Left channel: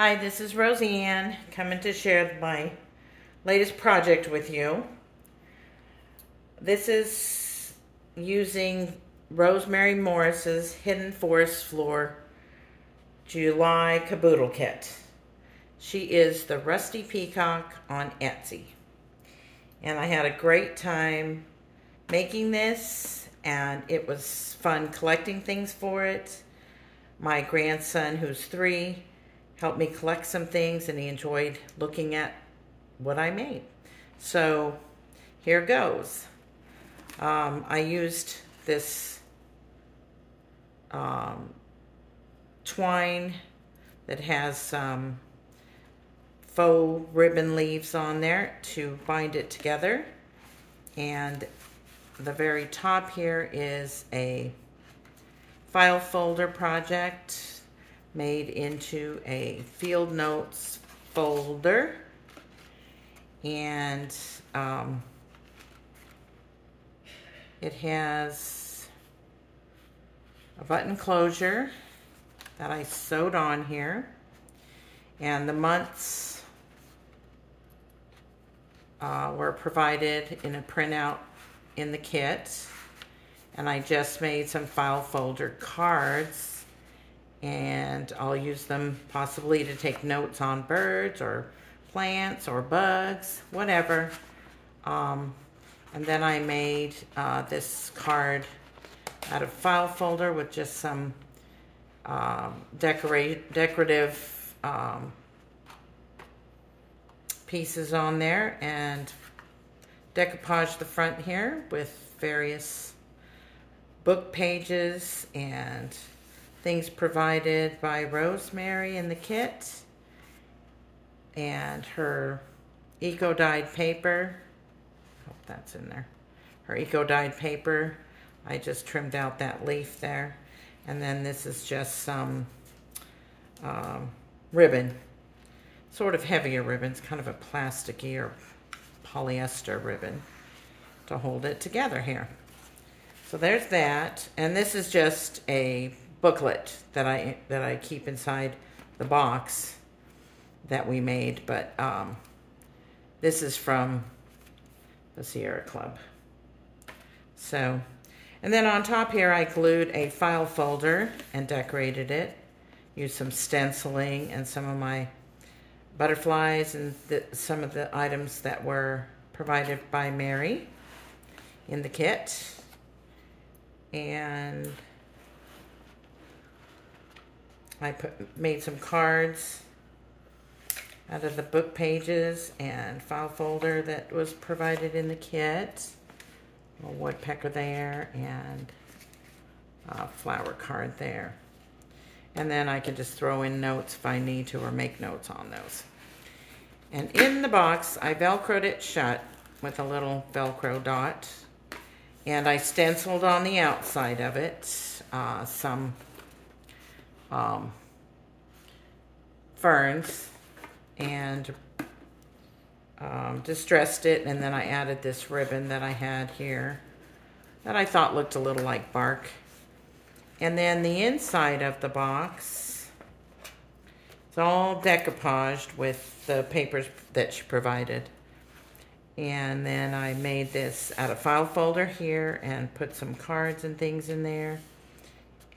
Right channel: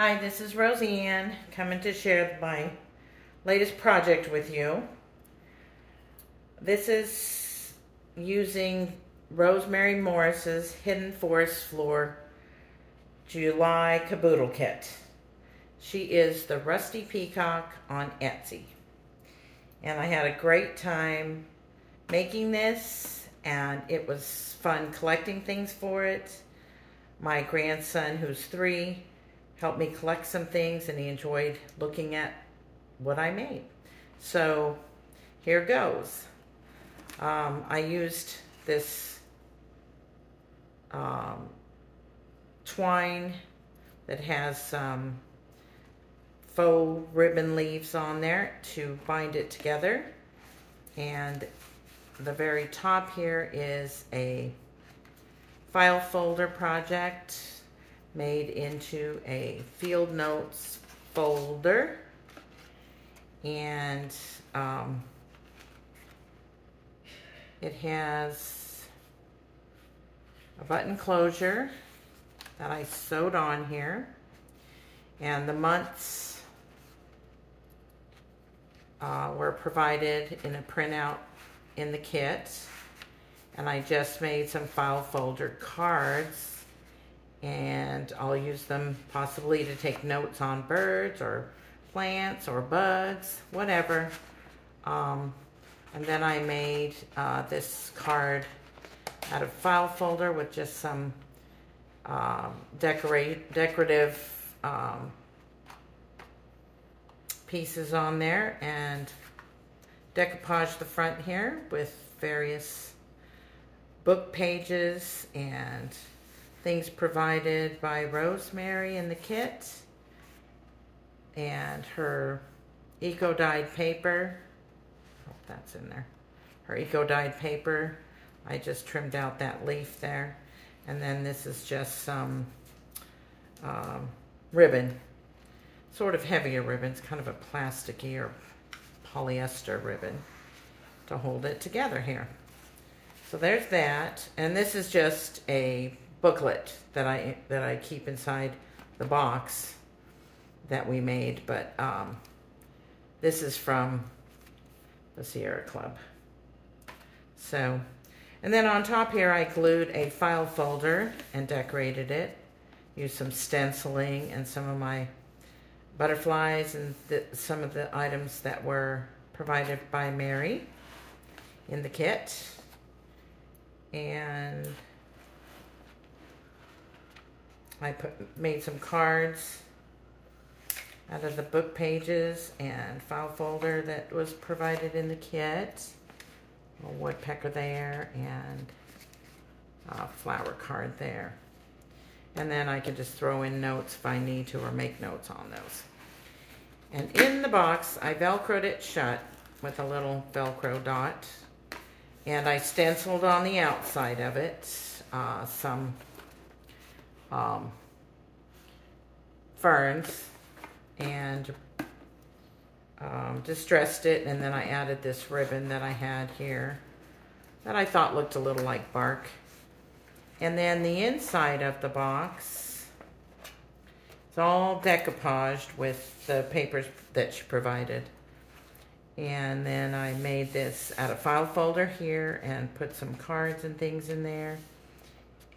Hi, this is Roseanne coming to share my latest project with you. This is using Rosemary Morris's Hidden Forest Floor July Kaboodle Kit. She is the Rusty Peacock on Etsy. And I had a great time making this, and it was fun collecting things for it. My grandson, who's 3, helped me collect some things, and he enjoyed looking at what I made. So here goes. I used this twine that has some faux ribbon leaves on there to bind it together. And the very top here is a file folder project made into a field notes folder, and it has a button closure that I sewed on here, and the months were provided in a printout in the kit, and I just made some file folder cards, and I'll use them possibly to take notes on birds or plants or bugs, whatever. And then I made this card out of file folder with just some decorative pieces on there, and decoupaged the front here with various book pages and things provided by Rosemary in the kit, and her eco-dyed paper. Oh, that's in there. Her eco-dyed paper. I just trimmed out that leaf there. And then this is just some ribbon. Sort of heavier ribbon. It's kind of a plasticky or polyester ribbon to hold it together here. So there's that. And this is just a booklet that I keep inside the box that we made, but this is from the Sierra Club. So, and then on top here I glued a file folder and decorated it. Used some stenciling and some of my butterflies and some of the items that were provided by Mary in the kit. And I made some cards out of the book pages and file folder that was provided in the kit. A woodpecker there, and a flower card there. And then I can just throw in notes if I need to, or make notes on those. And in the box, I Velcroed it shut with a little Velcro dot. And I stenciled on the outside of it some ferns, and distressed it, and then I added this ribbon that I had here that I thought looked a little like bark. And then the inside of the box, it's all decoupaged with the papers that she provided. And then I made this out of file folder here and put some cards and things in there.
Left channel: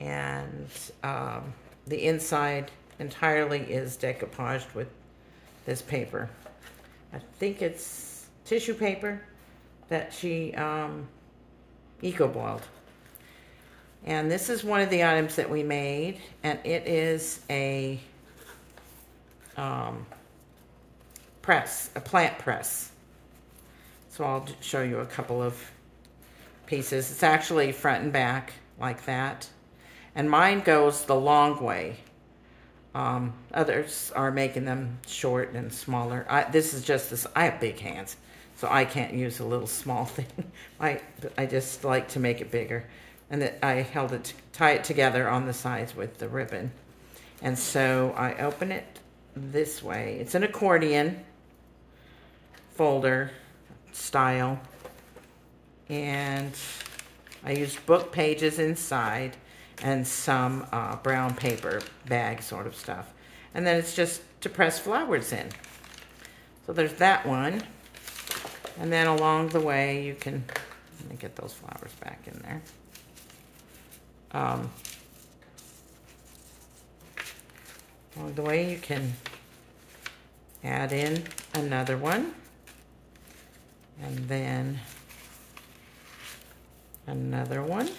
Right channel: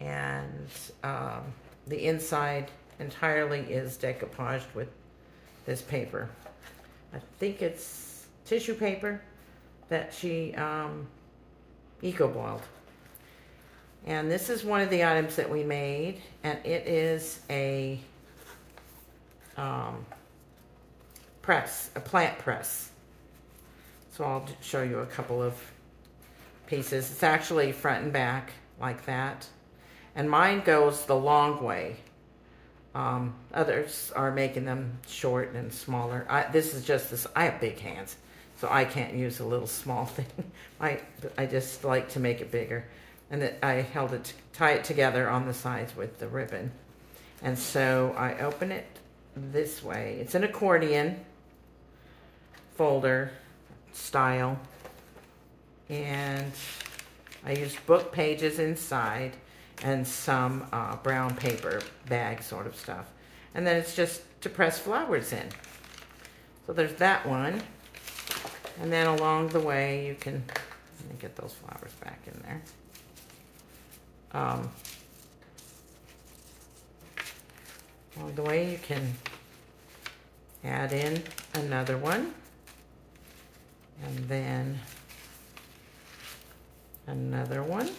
And the inside entirely is decoupaged with this paper. I think it's tissue paper that she eco-boiled. And this is one of the items that we made, and it is a press, a plant press. So I'll show you a couple of pieces. It's actually front and back like that. And mine goes the long way. Others are making them short and smaller. This is just this. I have big hands, so I can't use a little small thing. I just like to make it bigger. And that I held it, tie it together on the sides with the ribbon. And so I open it this way. It's an accordion folder style. And I used book pages inside and some brown paper bag sort of stuff. And then it's just to press flowers in. So there's that one. And then along the way you can, let me get those flowers back in there. Along the way you can add in another one. And then another one.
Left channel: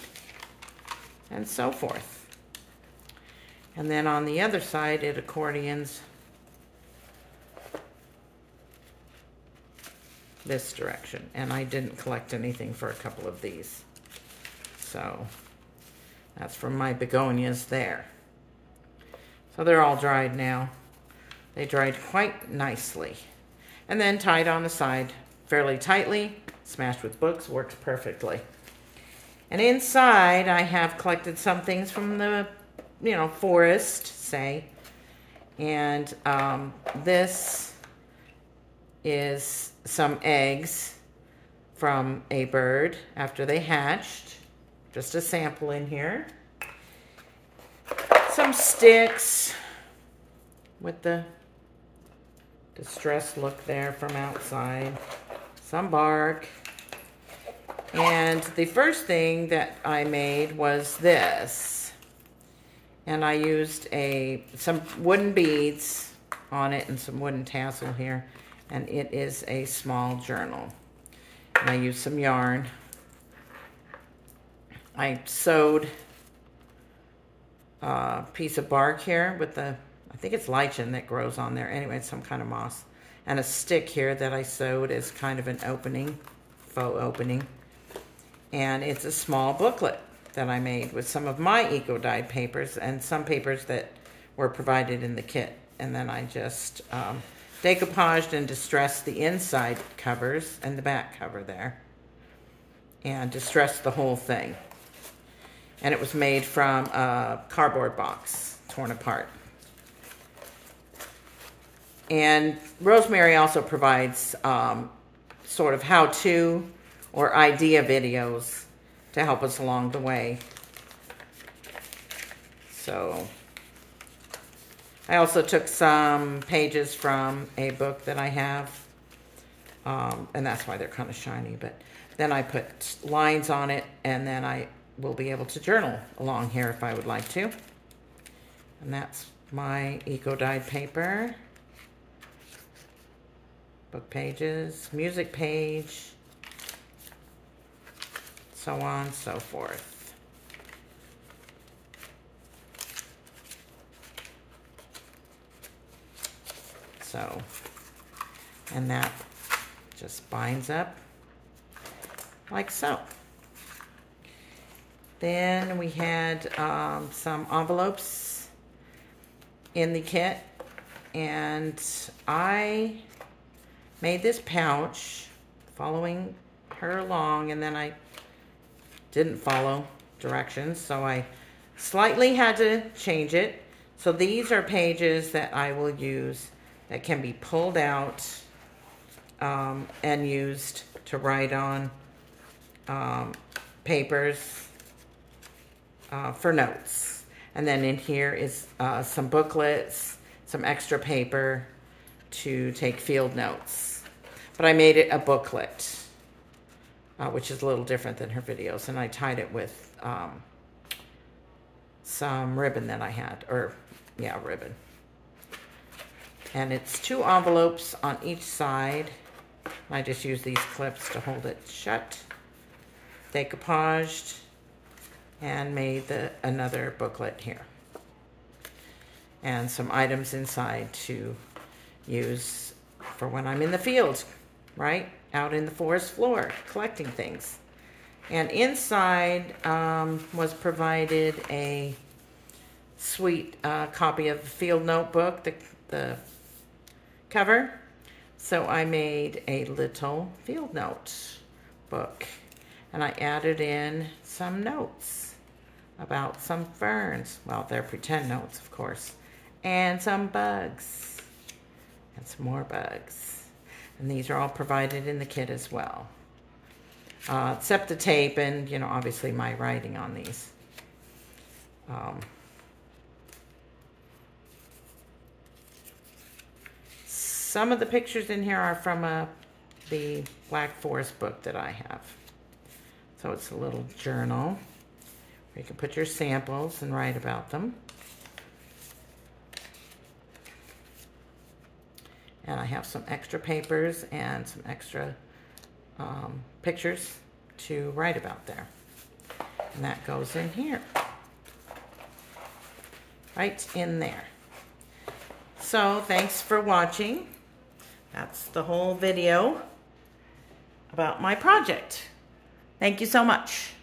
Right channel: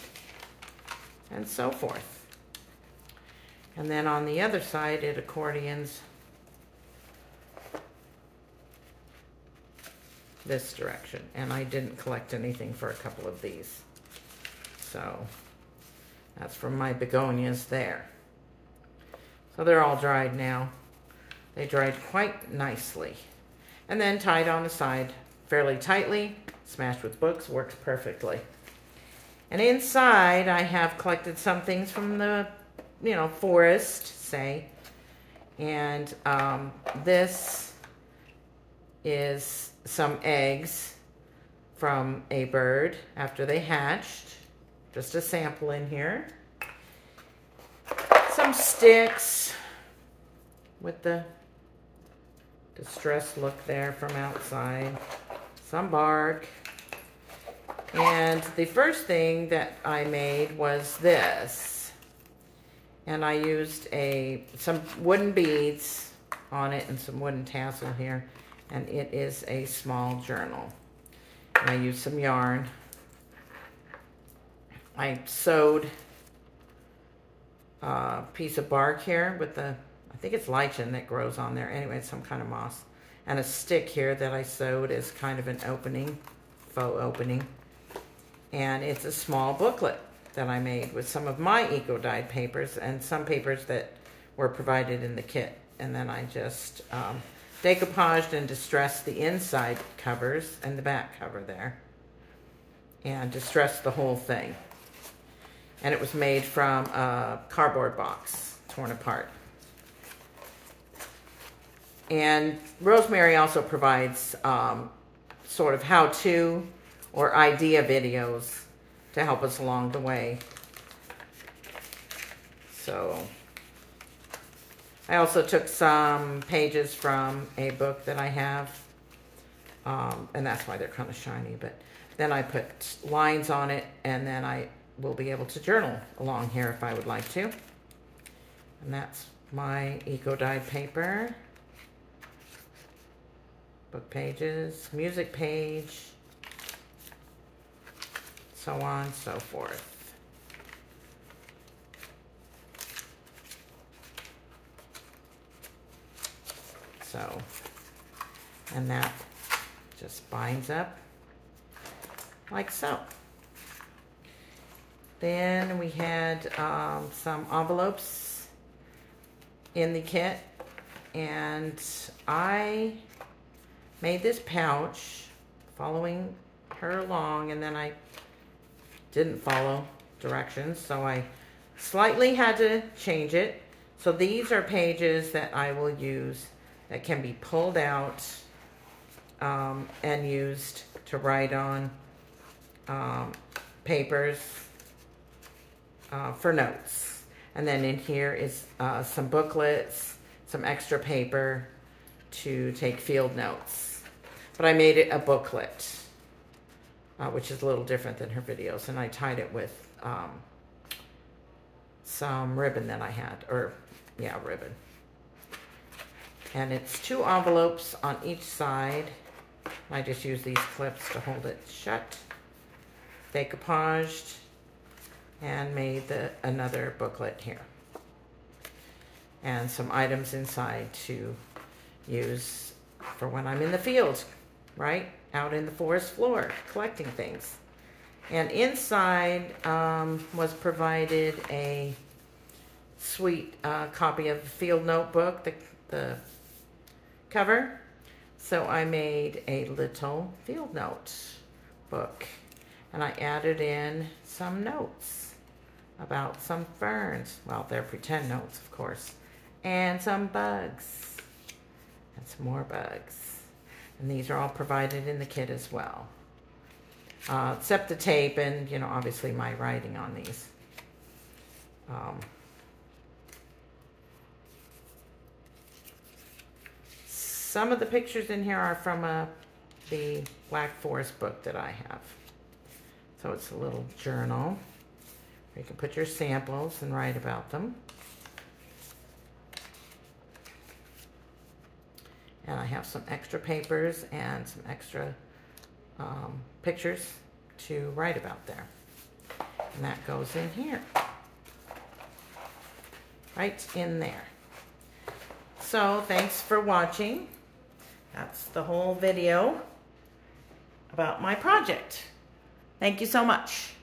And so forth. And then on the other side, it accordions this direction. And I didn't collect anything for a couple of these. So that's from my begonias there. So they're all dried now. They dried quite nicely. And then tied on the side fairly tightly, smashed with books, works perfectly. And inside I have collected some things from the, forest, say. And this is some eggs from a bird after they hatched. Just a sample in here. Some sticks with the distressed look there from outside. Some bark. And the first thing that I made was this. And I used some wooden beads on it and some wooden tassel here. And it is a small journal. And I used some yarn. I sewed a piece of bark here with I think it's lichen that grows on there. Anyway, it's some kind of moss. And a stick here that I sewed as kind of an opening, faux opening. And it's a small booklet that I made with some of my eco-dyed papers and some papers that were provided in the kit. And then I just decoupaged and distressed the inside covers and the back cover there. And distressed the whole thing. And it was made from a cardboard box, torn apart. And Rosemary also provides sort of how-to or idea videos to help us along the way. So I also took some pages from a book that I have, and that's why they're kind of shiny, but then I put lines on it, and then I will be able to journal along here if I would like to. And that's my eco-dyed paper. Book pages, music page, so on and so forth. So, and that just binds up like so. Then we had some envelopes in the kit, and I made this pouch following her along, and then I didn't follow directions, so I slightly had to change it. So these are pages that I will use that can be pulled out and used to write on papers for notes. And then in here is some booklets, some extra paper to take field notes. But I made it a booklet, which is a little different than her videos. And I tied it with some ribbon that I had, ribbon. And it's 2 envelopes on each side. I just use these clips to hold it shut. Decoupaged and made another booklet here. And some items inside to use for when I'm in the field, right? Out in the forest floor, collecting things. And inside was provided a sweet copy of the field notebook, the cover. So I made a little field note book. And I added in some notes about some ferns. Well, they're pretend notes, of course. And some bugs. And some more bugs. And these are all provided in the kit as well. Except the tape and, obviously my writing on these. some of the pictures in here are from the Black Forest book that I have. So it's a little journal where you can put your samples and write about them. And I have some extra papers and some extra pictures to write about there. And that goes in here. Right in there. So thanks for watching. That's the whole video about my project. Thank you so much.